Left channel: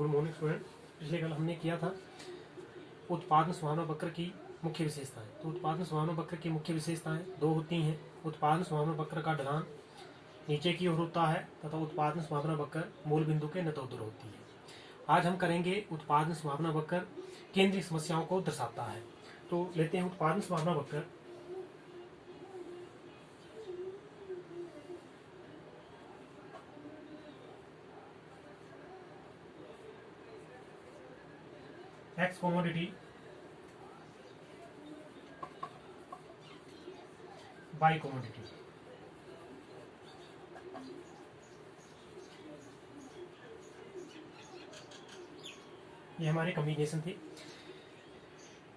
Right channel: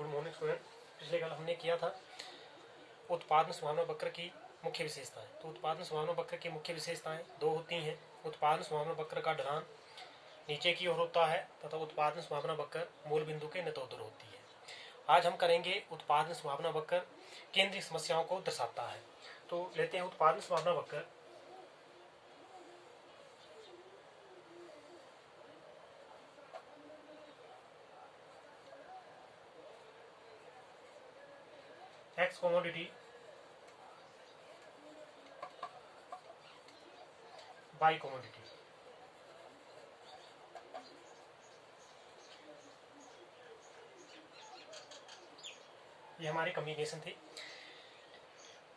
Good morning student. पिछले कल हमने किया था उत्पादन संभावना वक्र की मुख्य विशेषताएं। तो उत्पादन संभावना वक्र की मुख्य विशेषताएं दो होती हैं। उत्पादन संभावना वक्र का ढलान नीचे की ओर होता है तथा उत्पादन संभावना वक्र मूल बिंदु के नतोदर होती है। आज हम करेंगे उत्पादन संभावना वक्र केंद्रीय समस्याओं को दर्शाता है। तो लेते हैं उत्पादन संभावना वक्र। X commodity by commodity. ये हमारी कॉम्बिनेशन थी।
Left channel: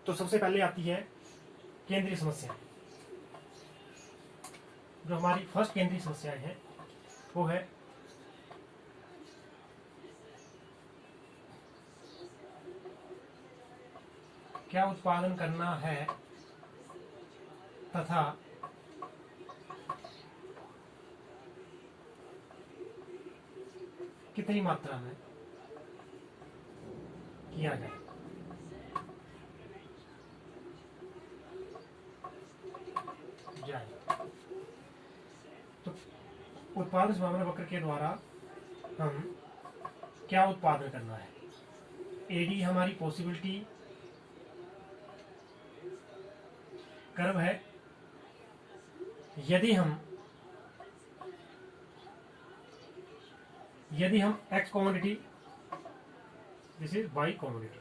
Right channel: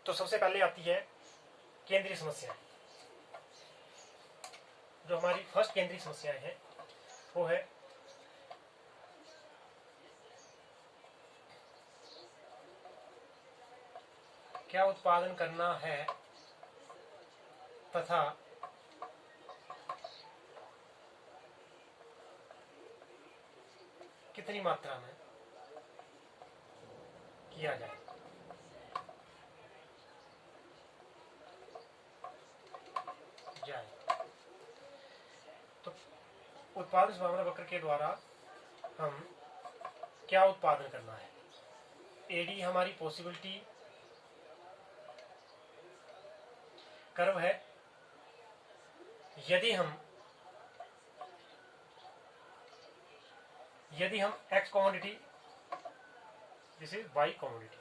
तो सबसे पहले आती है केंद्रीय समस्या। जो हमारी फर्स्ट केंद्रीय समस्या है वो है क्या उत्पादन करना है तथा कितनी मात्रा में किया जाए। तो उत्पादन संभावना वक्र के द्वारा हम क्या उत्पादन करना है। एडी हमारी पॉसिबिलिटी कर्व है। यदि हम X commodity, this is Y commodity,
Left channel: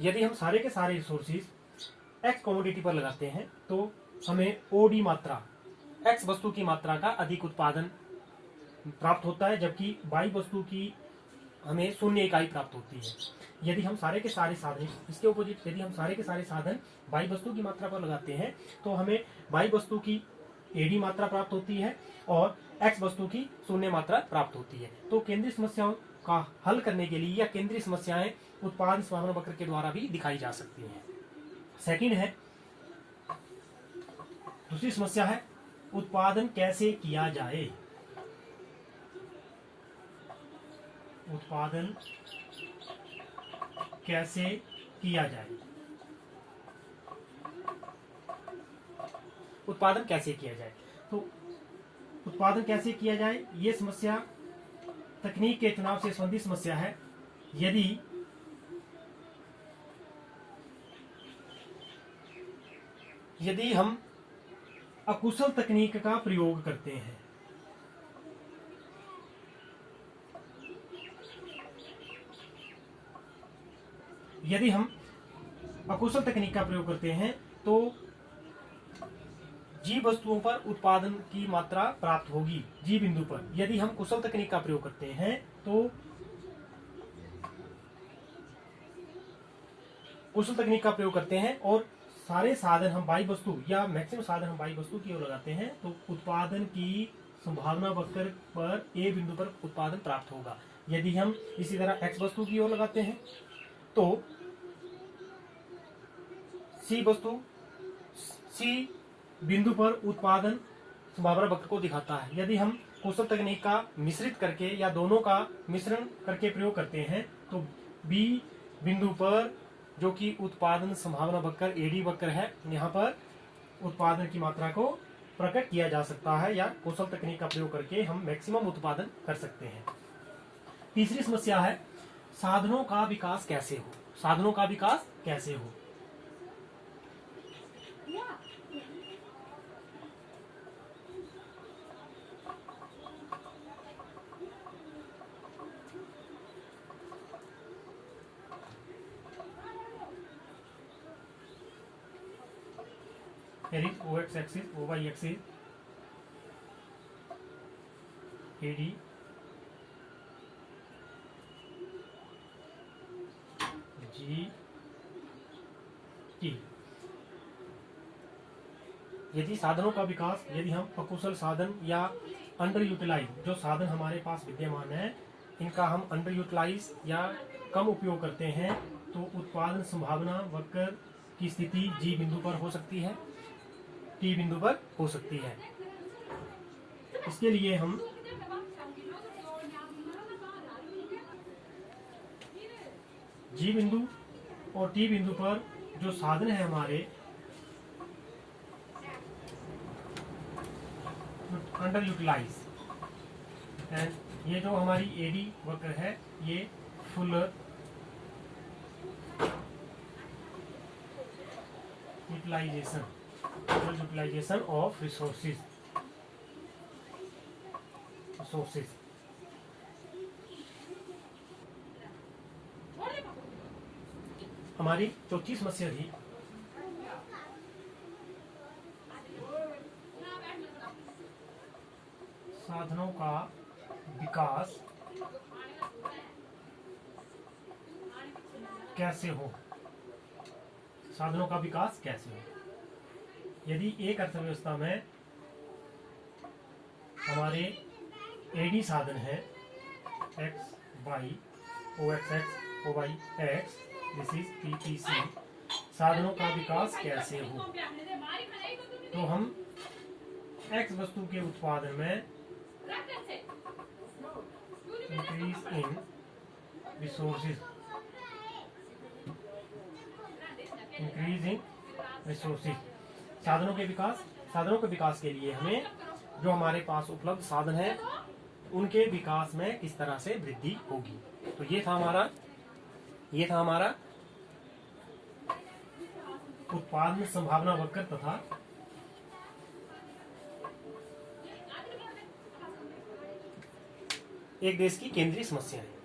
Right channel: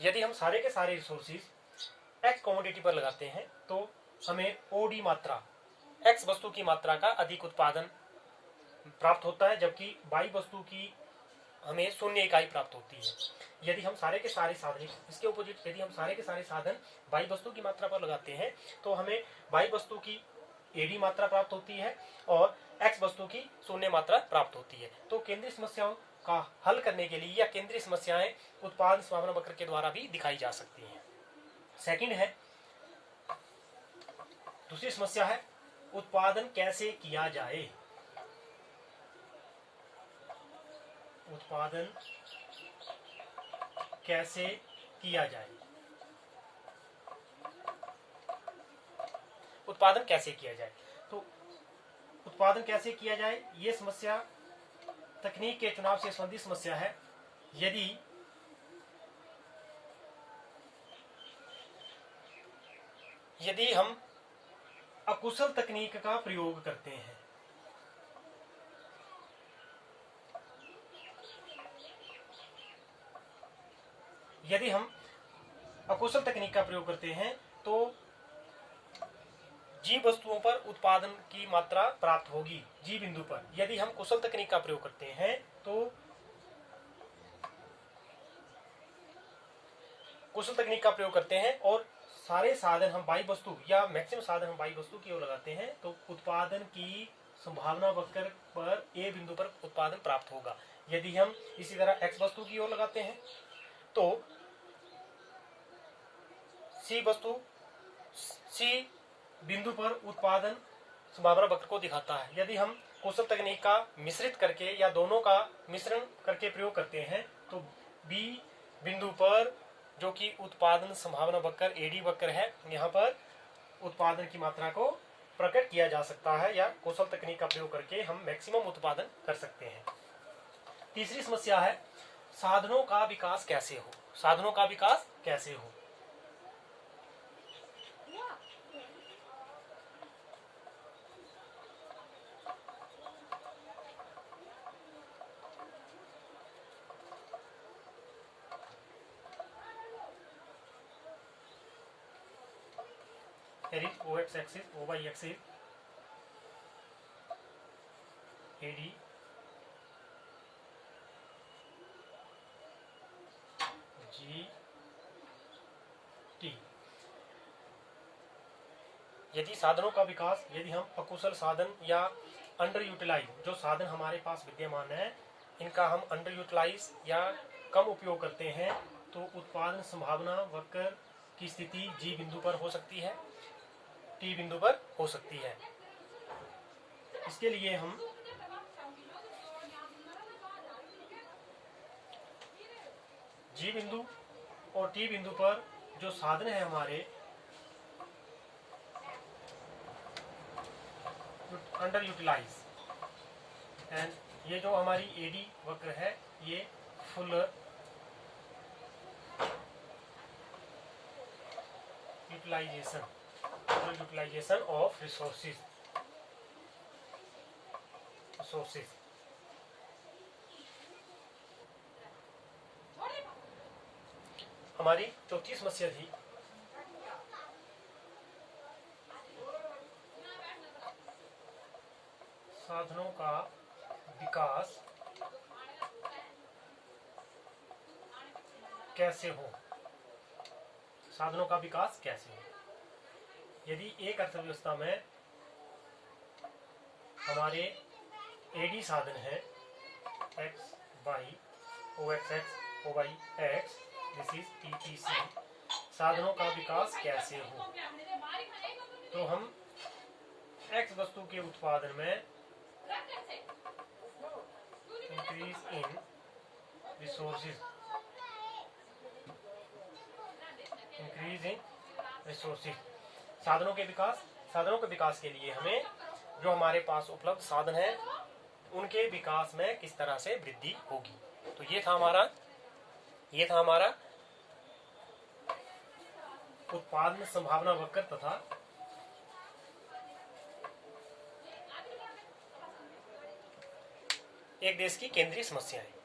यदि हम सारे के सारे रिसोर्सेज एक्स कमोडिटी पर लगाते हैं तो हमें ओडी मात्रा, एक्स वस्तु की मात्रा का अधिक उत्पादन प्राप्त होता है, जबकि वाई वस्तु की हमें 0 इकाई प्राप्त होती है। यदि हम सारे के सारे साधन, इसके अपोजिट यदि हम सारे के सारे साधन वाई वस्तु की मात्रा पर लगाते हैं तो हमें वाई वस्तु की एडी मात्रा प्राप्त होती है और एक्स वस्तु की 0 मात्रा प्राप्त होती है। तो केंद्रीय समस्याओं का हल करने के लिए या केंद्रीय समस्याएं उत्पादन संभावना वक्र के द्वारा भी दिखाई जा सकती हैं। सेकंड है, दूसरी समस्या है उत्पादन कैसे किया जाए। उत्पादन कैसे किया जाए। उत्पादन कैसे किया जाए। तो उत्पादन कैसे किया जाए ये समस्या तकनीक के चुनाव से संबंधित समस्या है। यदि हम अकुशल तकनीक का प्रयोग करते हैं, यदि हम अकुशल तकनीक का प्रयोग करते हैं तो जी वस्तुओं पर उत्पादन की मात्रा प्राप्त होगी जी बिंदु पर। यदि हम कुशल तकनीक का प्रयोग करते हैं तो कुशल तकनीक का प्रयोग करते हैं और सारे साधन हम वाई वस्तु या मैक्सिमम साधन हम वाई वस्तु की ओर लगाते हैं तो उत्पादन की संभावना वक्र पर ए बिंदु पर उत्पादन प्राप्त होगा। यदि हम इसी तरह एक्स वस्तु की ओर लगाते हैं तो सी बिंदु पर उत्पादन संभावना वक्र को दिखाता है। यदि हम कुशल तकनीक का मिश्रित करके या दोनों का मिश्रण करके प्रयोग करते हैं तो बी बिंदु पर, जो कि उत्पादन संभावना वक्र एडी वक्र है, यहाँ पर उत्पादन की मात्रा को प्रकट किया जा सकता है या कुशल तकनीक का प्रयोग करके हम मैक्सिमम उत्पादन कर सकते हैं। तीसरी समस्या है साधनों का विकास कैसे हो। साधनों का विकास कैसे हो। Here is OX axis, OY axis, AD, GT। यदि साधनों का विकास, यदि हम अकुशल साधन या अंडर यूटिलाइज, जो साधन हमारे पास विद्यमान है इनका हम अंडर यूटिलाइज या कम उपयोग करते हैं तो उत्पादन संभावना वक्र की स्थिति जी बिंदु पर हो सकती है, टी बिंदु पर हो सकती है। इसके लिए हम जी बिंदु और टी बिंदु पर जो साधन है हमारे अंडर यूटिलाइज, एंड ये जो हमारी एडी वक्र है ये फुल यूटिलाइजेशन ऑफ रिसोर्सेज हमारी चौथी समस्या थी साधनों का विकास कैसे हो। साधनों का विकास कैसे हो। यदि एक अर्थव्यवस्था में हमारे एडी साधन है X Y O X X O Y X, this is PPC, साधनों का विकास कैसे हो। तो हम एक्स वस्तु के उत्पादन में इंक्रीज इन रिसोर्सेज, साधनों के विकास के लिए हमें जो हमारे पास उपलब्ध साधन है उनके विकास में किस तरह से वृद्धि होगी। तो ये था हमारा उत्पादन संभावना वक्र तथा एक देश की केंद्रीय समस्याएं।